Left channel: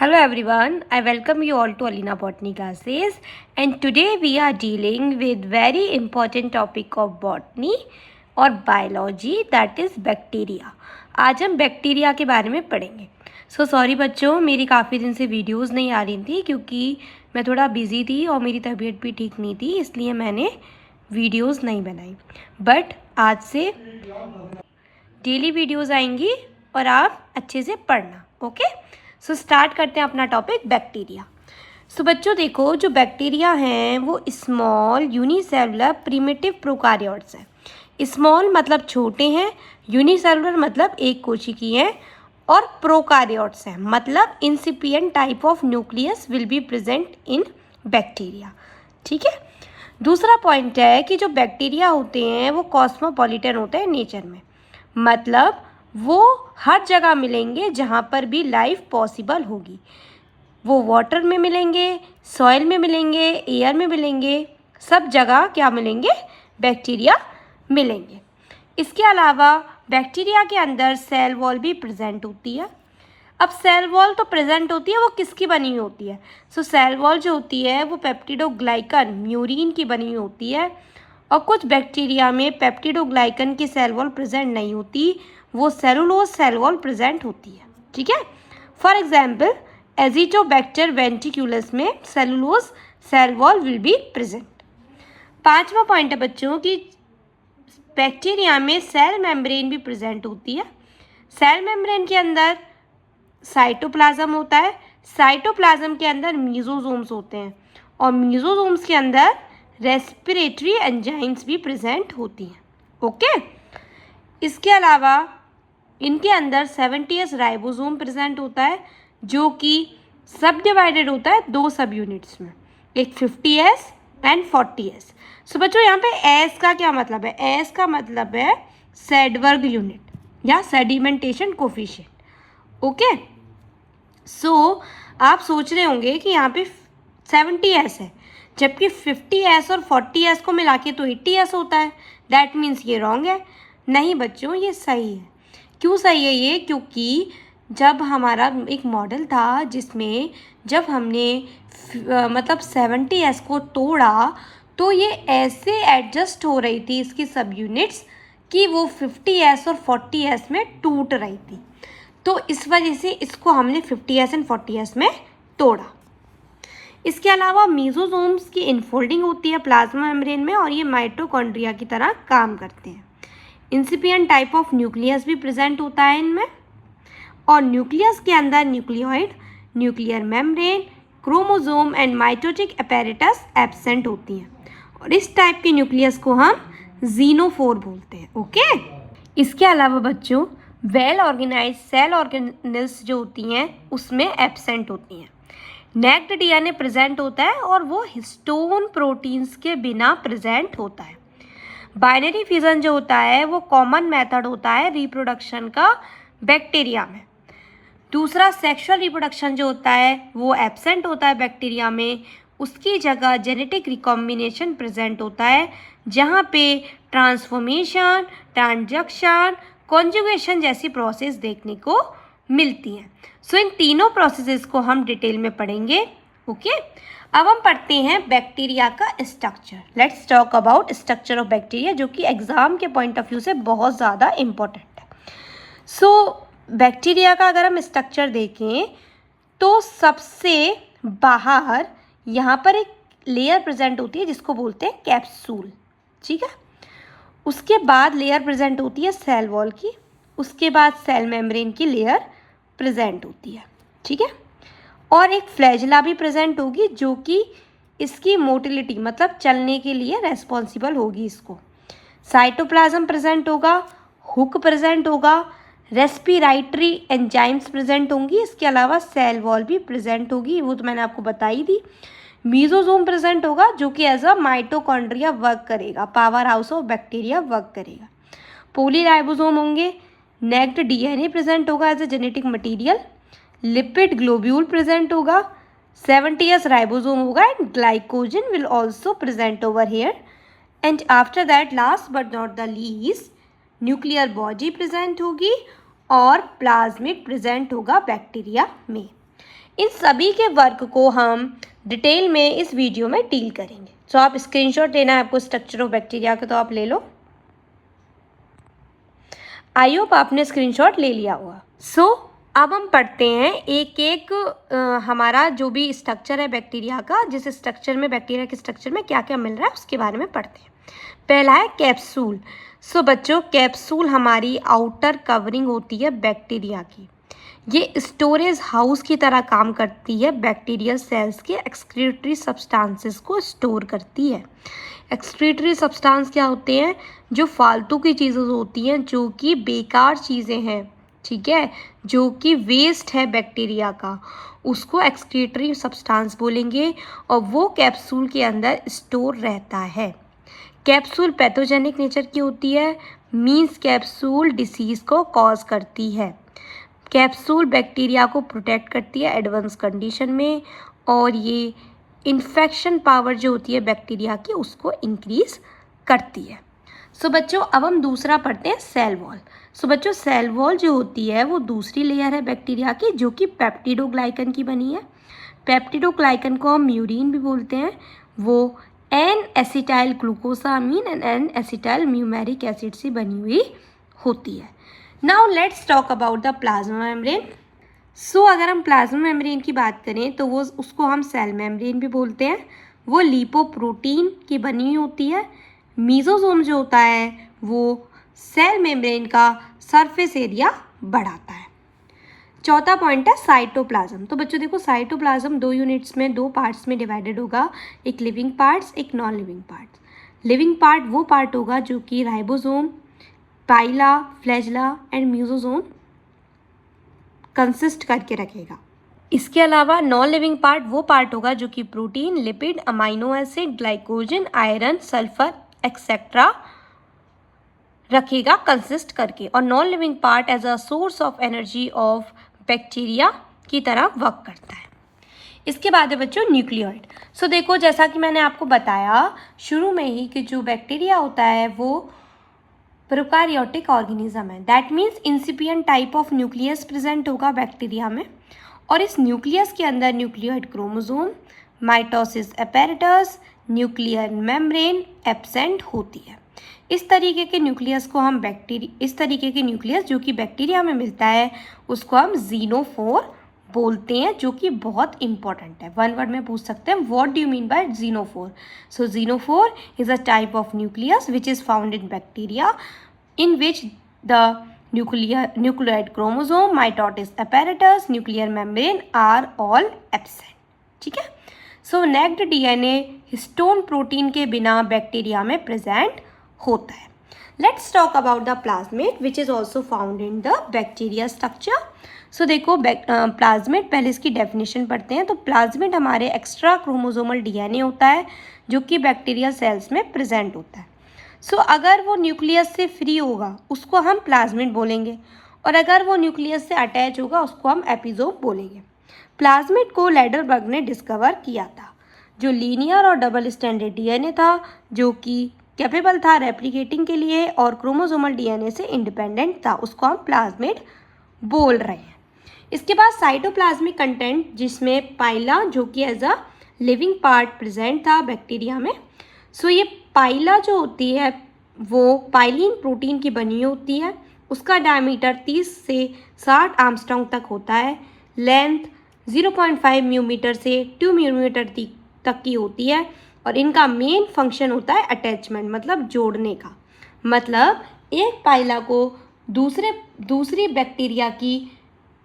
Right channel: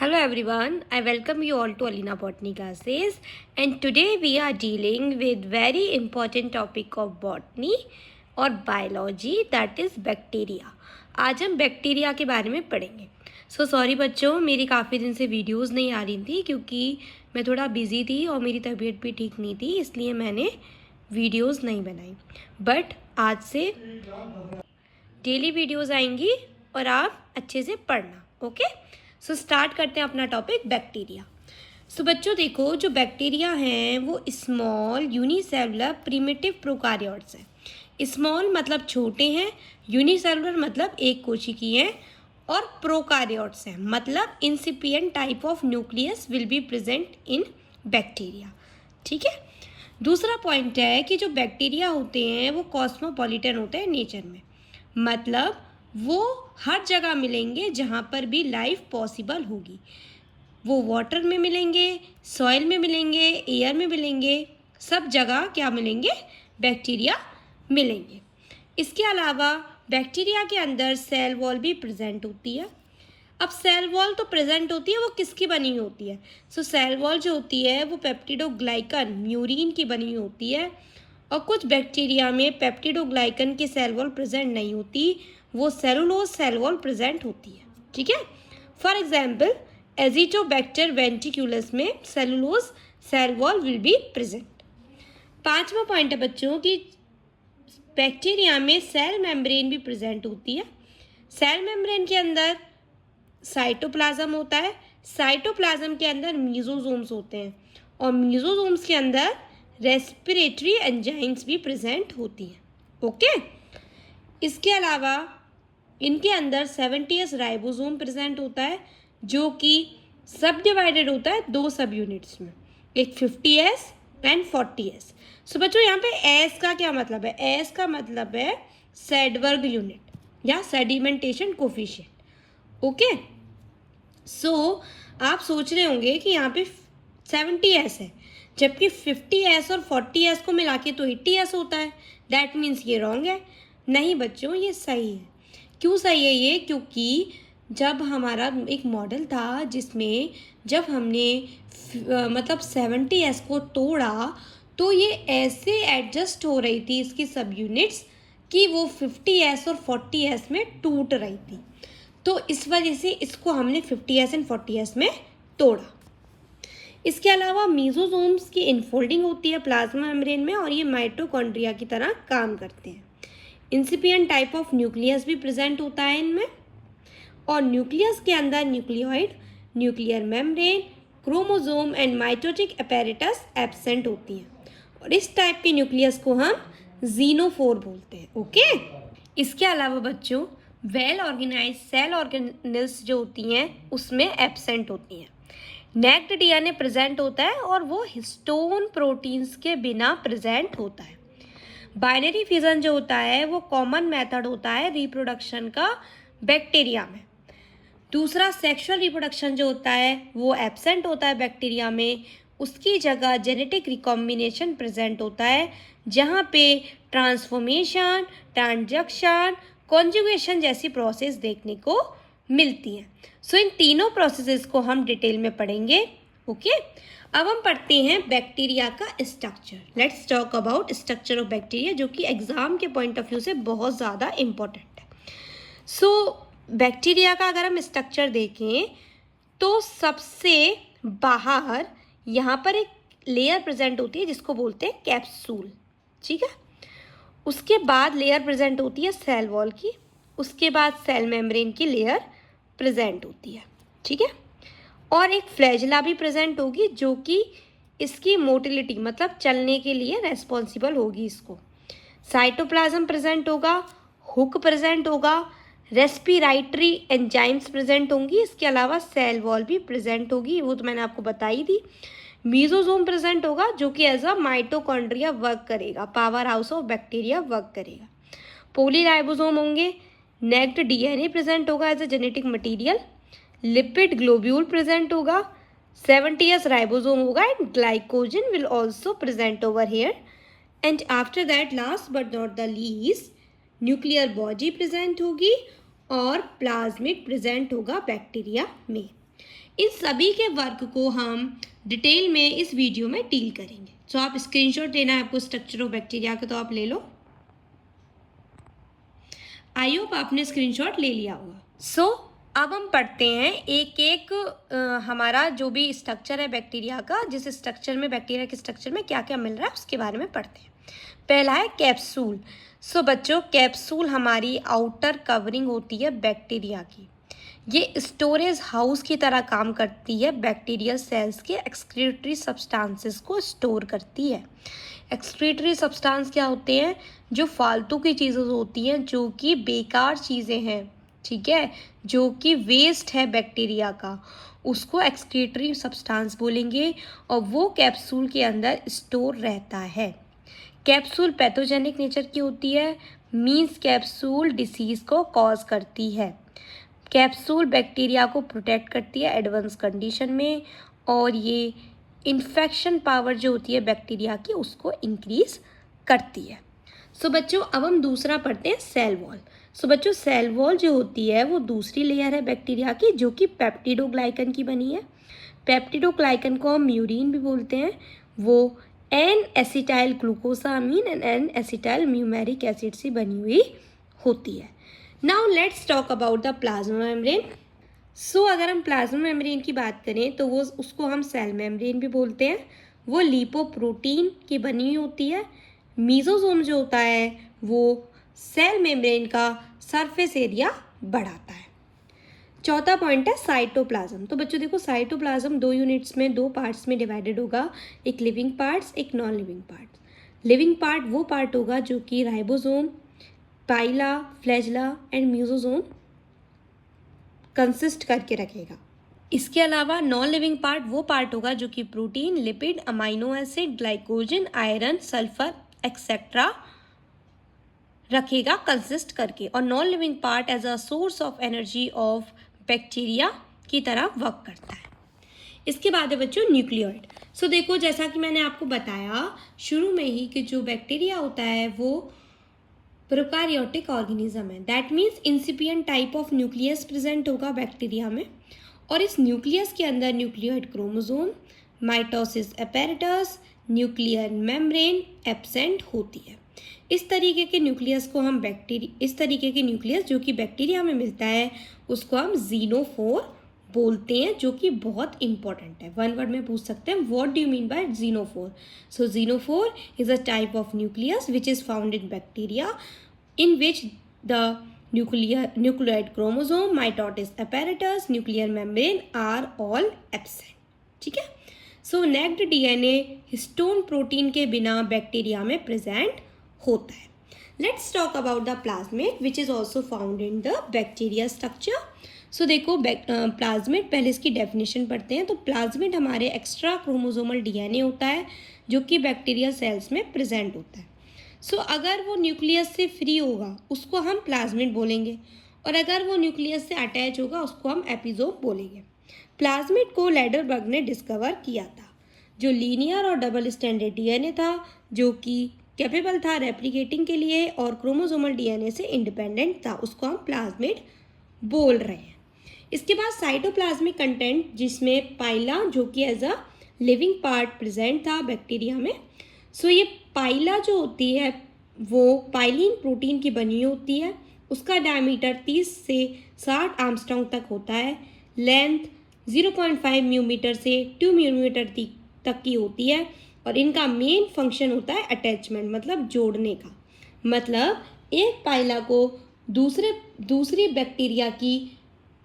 Hello everyone, I welcome you all to Alina Botany classes, and today we are dealing with very important topic of botany और biology, that is bacteria. आज हम bacteria के बारे में पढ़ेंगे. Sorry बच्चों, मेरी काफ़ी दिन से वीडियोस नहीं आ रही थी क्योंकि मैं थोड़ा बिजी थी और मेरी तबीयत भी ठीक नहीं थी, इसलिए मैंने वीडियोस नहीं बनाई. बट आज से डेली वीडियोस आएंगी और आप अच्छे से पढ़ना. ओके, सो स्टार्ट करते हैं अपना टॉपिक बैक्टीरिया. सो बच्चों देखो, जो बैक्टीरिया हैं वो स्मॉल यूनिसेलुलर प्रिमिटिव प्रोकार्योट्स हैं. स्मॉल मतलब छोटे हैं, यूनिसेलुलर मतलब एक कोशिकीय हैं, और प्रोकार्योट्स हैं मतलब incipient type of nucleus will be present in bacteria. ठीक है. दूसरा पॉइंट है कि जो बैक्टीरिया होते हैं वो कॉस्मोपॉलिटन होते हैं नेचर में, मतलब वो हर जगह मिलेंगे जहाँ पर भी लाइफ पॉसिबल होगी. वो वाटर में मिलेंगे, सॉइल में मिलेंगे, एयर में मिलेंगे, सब जगह क्या मिलेंगे, बैक्टीरिया मिलेंगे. इसके अलावा बैक्टीरिया के अंदर सेल वॉल भी प्रेजेंट होती है. अब सेल वॉल तो प्रेजेंट होती है, वो किसकी बनी हुई होती है? सो सेल वॉल जो होती है वो पेप्टिडोग्लाइकन म्यूरिन की बनी हुई होती है, और कुछ बैक्टीरिया में पेप्टिडोग्लाइकन की सेल वॉल प्रेजेंट नहीं होती, वो सेलुलोज सेल वॉल प्रेजेंट होती है. ठीक है. फॉर एग्जाम्पल एजिटोबैक्टर वेंट्रिकुलस में cellulose cell wall will be present. पांचवा पॉइंट है बच्चों कि बैक्टीरिया में सेल मेम्ब्रेन भी प्रेजेंट होती है. सेल मेम्ब्रेन के अंदर साइटोप्लाज्म होता है, साइटोप्लाज्म के अंदर मीजोजोम्स होते हैं, और मीजोजोम्स के अंदर रेस्पिरेटरी एंजाइम्स भी प्रेजेंट होती हैं. ओके. इसके अलावा इनके अंदर 70S राइबोसोम प्रेजेंट होता है, जो कि सब डिवाइडेड होता है दो सब यूनिट्स में, एक 50S एंड 40S. सो बच्चों यहाँ पे एस का क्या मतलब है? एस का मतलब है सेडबर्ग यूनिट या सेडिमेंटेशन कोफिशिएंट. ओके. सो आप सोच रहे होंगे कि यहाँ पे 70S है, जबकि 50S और 40S को मिला के तो 80S होता है. दैट मीन्स ये रॉन्ग है. नहीं बच्चों, ये सही है. क्यों सही है ये? क्योंकि जब हमारा एक मॉडल था जिसमें जब हमने मतलब 70S को तोड़ा तो ये ऐसे एडजस्ट हो रही थी इसकी सब यूनिट्स कि वो 50S और 40S में टूट रही थी. तो इस वजह से इसको हमने 50S एंड 40S में तोड़ा. इसके अलावा मीजोजोम्स की इनफोल्डिंग होती है प्लाज्मा मेम्ब्रेन में, और ये माइटोकॉन्ड्रिया की तरह काम करते हैं. इंसिपिएंट टाइप ऑफ न्यूक्लियस भी प्रेजेंट होता है इनमें, और न्यूक्लियस के अंदर nucleoid, nuclear membrane, chromosome and mitotic apparatus absent होती हैं, और इस टाइप के न्यूक्लियस को हम जीनोफोर बोलते हैं. ओके. इसके अलावा बच्चों वेल ऑर्गेनाइज सेल ऑर्गेनेल्स जो होती हैं उसमें एब्सेंट होती हैं. नेक्ड डीएनए प्रेजेंट होता है और वो हिस्टोन प्रोटीन्स के बिना प्रेजेंट होता है. बाइनरी फिजन जो होता है वो कॉमन मेथड होता है रिप्रोडक्शन का बैक्टीरिया में. दूसरा सेक्सुअल रिप्रोडक्शन जो होता है वो एब्सेंट होता है बैक्टीरिया में, उसकी जगह जेनेटिक रिकॉम्बिनेशन प्रेजेंट होता है, जहाँ पे ट्रांसफॉर्मेशन, ट्रांजक्शन, कॉन्जुगेशन जैसी प्रोसेस देखने को मिलती हैं. सो इन तीनों प्रोसेसेस को हम डिटेल में पढ़ेंगे. ओके. अब हम पढ़ते हैं बैक्टीरिया का structure. Let's talk about structure of bacteria, जो कि एग्जाम के पॉइंट ऑफ व्यू से बहुत ज़्यादा इम्पोर्टेंट है. सो बैक्टीरिया का अगर हम स्ट्रक्चर देखें तो सबसे बाहर यहाँ पर एक लेयर प्रेजेंट होती है जिसको बोलते हैं कैप्सूल. ठीक है. उसके बाद लेयर प्रेजेंट होती है सेल वॉल की, उसके बाद सेल मेम्ब्रेन की लेयर प्रेजेंट होती है. ठीक है. और एक फ्लैजिला भी प्रेजेंट होगी जो कि इसकी मोटिलिटी मतलब चलने के लिए रेस्पॉन्सिबल होगी. इसको साइटोप्लाज्म प्रेजेंट होगा, हुक प्रेजेंट होगा, रेस्पिरेटरी एंजाइम्स प्रेजेंट होंगी. इसके अलावा सेल वॉल भी प्रेजेंट होगी, वो तो मैंने आपको बताई थी. मीजोजोम प्रेजेंट होगा जो कि एज अ माइटोकॉन्ड्रिया वर्क करेगा, power house of bacteria work करेगा. पोलीराइबोसोम होंगे. नेक्ड डीएनए प्रेजेंट होगा as a genetic material. Lipid globule present होगा. 70S राइबोसोम होगा, and glycogen will also present over here. And after that last but not the least nuclear body present होगी और plasmid present होगा bacteria में. इन सभी के work को हम डिटेल में इस वीडियो में डील करेंगे। तो आप स्क्रीनशॉट लेना है आपको स्ट्रक्चर ऑफ बैक्टीरिया का, तो आप ले लो। आई होप आपने स्क्रीनशॉट ले लिया होगा। सो अब हम पढ़ते हैं एक एक हमारा जो भी स्ट्रक्चर है बैक्टीरिया का, जिस स्ट्रक्चर में बैक्टीरिया के स्ट्रक्चर में क्या क्या मिल रहा है उसके बारे में पढ़ते हैं। पहला है कैप्सूल। सो बच्चों, कैप्सूल हमारी आउटर कवरिंग होती है बैक्टीरिया की। ये स्टोरेज हाउस की तरह काम करती है, बैक्टीरियल सेल्स के एक्सक्रीटरी सब्सटेंसेस को स्टोर करती है। एक्सक्रीटरी सब्सटेंस क्या होते हैं? जो फालतू की चीज़ें होती हैं, जो कि बेकार चीज़ें हैं, ठीक है, जो कि वेस्ट है बैक्टीरिया का, उसको एक्सक्रीटरी सब्सटेंस बोलेंगे, और वो कैप्सूल के अंदर स्टोर रहता है। कैप्सूल पैथोजेनिक नेचर की होती है, मीन्स कैप्सूल डिसीज को कॉज करती है। कैप्सूल बैक्टीरिया को प्रोटेक्ट करती है एडवांस कंडीशन में, और ये इन्फेक्शन पावर जो होती है बैक्टीरिया की उसको इंक्रीज करती है। सो बच्चों, अब हम दूसरा पढ़ते हैं सेल वॉल। सो बच्चों, सेल वॉल जो होती है वो दूसरी लेयर है बैक्टीरिया की, जो कि पेप्टिडोग्लाइकन की बनी है। पेप्टिडोग्लाइकन को हम म्यूरिन भी बोलते हैं। वो N acetyl glucosamine and N acetyl muramic acid से बनी हुई होती है। Now let's talk about the plasma membrane. So अगर हम प्लाज्मा मेम्ब्रेन की बात करें तो वो उसको हम सेल मेम्ब्रेन भी बोलते हैं। वो लिपोप्रोटीन की बनी हुई होती है। मीजोसोम जो होता है वो सेल मेम्ब्रेन का सरफेस एरिया बढ़ाता है। चौथा पॉइंट है साइटोप्लाज्म। तो बच्चों देखो, साइटोप्लाज्म दो यूनिट्स में, दो पार्ट्स में डिवाइडेड होगा, एक लिविंग पार्ट्स, एक non living parts. Living part वो पार्ट होगा जो कि ribosome, pili, flagella and mesosome consist करके रखेगा। इसके अलावा नॉन लिविंग पार्ट वो पार्ट होगा जो कि protein, lipid, amino acid, glycogen, iron, sulphur etcetera रखेगा कंसिस्ट करके, और non living part as a source of energy of bacteria की तरह वर्क करता है। इसके बाद है बच्चों न्यूक्लियोइड। सो देखो, जैसा कि मैंने आपको बताया शुरू में ही कि जो बैक्टीरिया होता है वो प्रोकैरियोटिक ऑर्गेनिज्म है। That means incipient type of nucleus present होगा बैक्टीरिया में, और इस न्यूक्लियस के अंदर nucleoid chromosome, mitosis apparatus, nuclear membrane absent होती है। इस तरीके के न्यूक्लियस को हम इस तरीके के न्यूक्लियस जो कि बैक्टीरिया में मिलता है उसको हम ज़ीनोफोर बोलते हैं, जो कि बहुत इंपॉर्टेंट है। वन वर्ड में पूछ सकते हैं, what do you mean by genophore? So genophore is a type of nucleus which is found in bacteria in which the nucleoid chromosome, mitosis apparatus, nuclear membrane are all absent. ठीक है। So naked DNA histone protein के बिना bacteria में present होता है। Let's talk about the plasmid which is also found in the bacteria structure. So देखो, plasmid, पहले इसकी डेफिनेशन पढ़ते हैं। तो प्लाज्मेट हमारे एक्स्ट्रा क्रोमोसोमल डीएनए होता है जो कि बैक्टीरिया सेल्स में प्रेजेंट होता है। सो अगर वो न्यूक्लियस से फ्री होगा उसको हम प्लाज्मिड बोलेंगे, और अगर वो न्यूक्लियस से अटैच होगा उसको हम एपिसोम बोलेंगे। प्लाज्मिड को लैडरबर्ग ने डिस्कवर किया था, जो लीनियर और डबल स्टैंडर्ड डीएनए था, जो कि कैपेबल था रेप्लिकेटिंग के लिए और क्रोमोसोमल डीएनए से इंडिपेंडेंट था, उसको हम प्लाज्मिड बोल रहे हैं। इसके बाद साइटोप्लाज्मिक कंटेंट, जिसमें पाइला जो कि as a living part present था बैक्टीरिया में। सो ये पाइला जो होती है वो पाइलिन प्रोटीन की बनी होती है। उसका डायमीटर 30 से 60 आर्मस्ट्रॉन्ग तक होता है। लेंथ 0.5 मिलीमीटर से 2 मिलीमीटर तक की होती है, और इनका मेन फंक्शन होता है अटैचमेंट, मतलब जोड़ने का। मतलब एक पाइला को दूसरी बैक्टीरिया की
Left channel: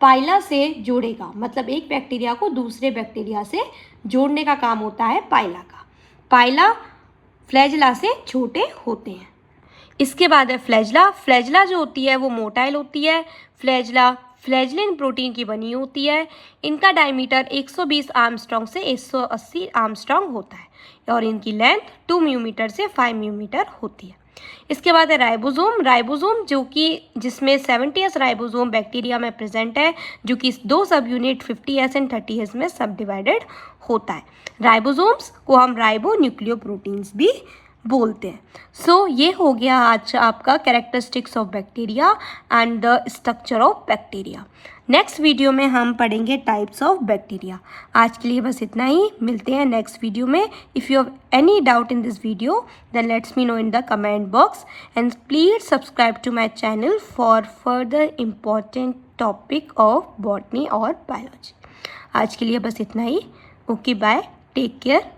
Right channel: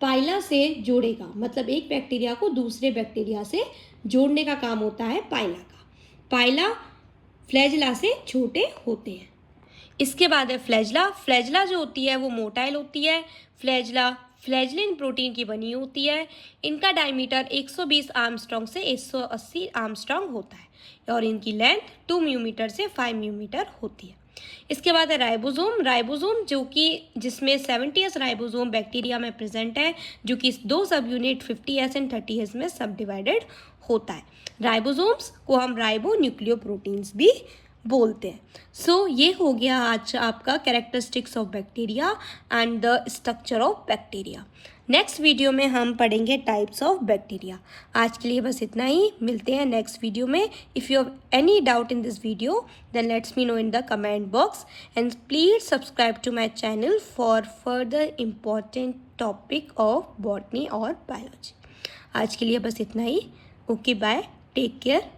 पाइला से जोड़ेगा, मतलब एक बैक्टीरिया को दूसरे बैक्टीरिया से जोड़ने का काम होता है पाइला का। पाइला फ्लैजिला से छोटे होते हैं। इसके बाद है फ्लैजिला। फ्लैजिला जो होती है वो मोटाइल होती है। फ्लैजिला फ्लैजिलिन प्रोटीन की बनी होती है। इनका डायमीटर 120 आर्मस्ट्रॉन्ग से 180 आर्मस्ट्रॉन्ग होता है, और इनकी लेंथ 2 मिलीमीटर से 5 मिलीमीटर होती है। इसके बाद है राइबोसोम। राइबोसोम जो कि जिसमें 70S राइबोसोम बैक्टीरिया में प्रेजेंट है, जो कि 2 सब यूनिट 50S एंड 30S में सब डिवाइडेड होता है। राइबोसोम्स को हम राइबो न्यूक्लियोप्रोटीन्स भी बोलते हैं। सो ये हो गया आज आपका characteristics of bacteria and the structure of bacteria. Next video में हम पढ़ेंगे टाइप्स ऑफ बैक्टीरिया। आज के लिए बस इतना ही, मिलते हैं नेक्स्ट वीडियो में। If you have any doubt in this video then let's me know in the comment box and please subscribe to my channel for further important topic of botany और बायोलॉजी। आज के लिए बस इतना ही। Okay, bye, take care.